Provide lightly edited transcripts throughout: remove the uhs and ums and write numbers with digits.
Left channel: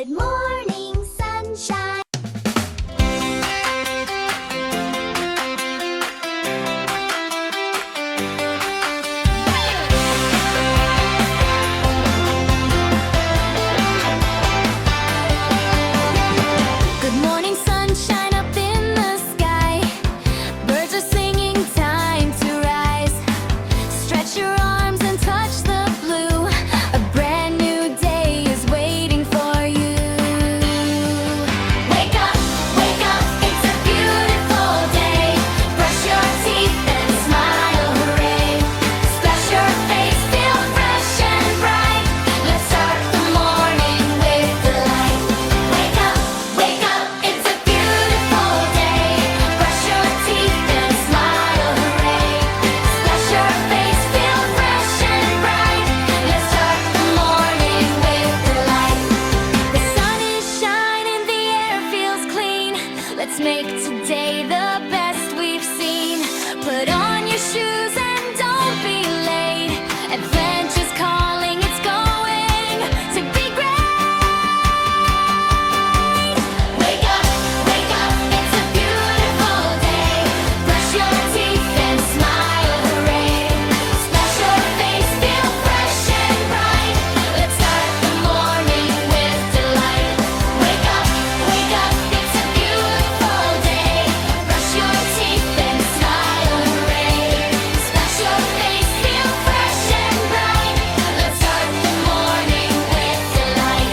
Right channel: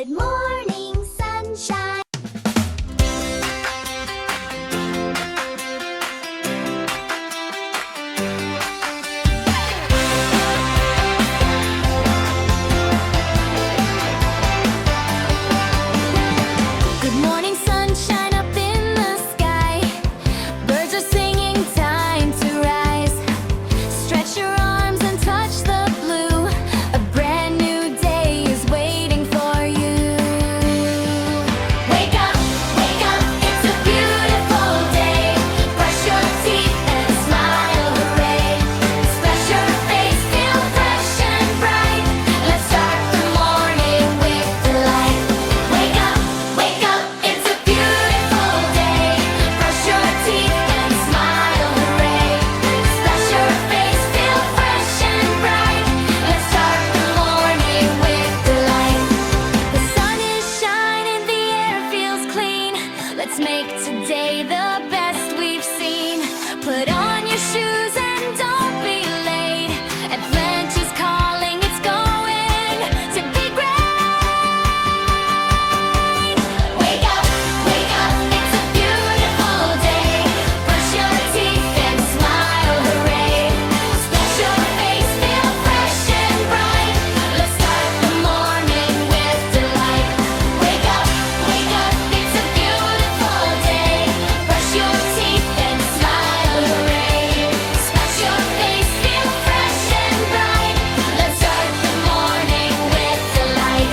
Good morning, sunshine. Good morning, sunshine up in the sky. Birds are singing, time to rise. Stretch your arms and touch the blue. A brand new day is waiting for you. Wake up, it's a beautiful day. Brush your teeth and smile, hooray. Splash your face, feel fresh and bright. Let's start the morning with delight. Wake up, it's a beautiful day. Brush your teeth and smile, hooray. Splash your face, feel fresh and bright. Let's start the morning with delight. The sun is shining, the air feels clean. Let's make today the best we've seen. Put on your shoes and don't be late. Adventure's calling, it's going to be great. Wake up, it's a beautiful day. Brush your teeth and smile, hooray. Splash your face, feel fresh and bright. Let's start the morning with delight. Wake up, it's a beautiful day. Brush your teeth and smile, hooray. Splash your face, feel fresh and bright. Let's start the morning with delight.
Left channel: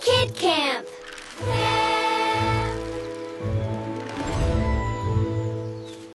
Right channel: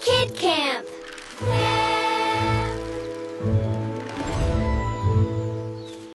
Kid Camp.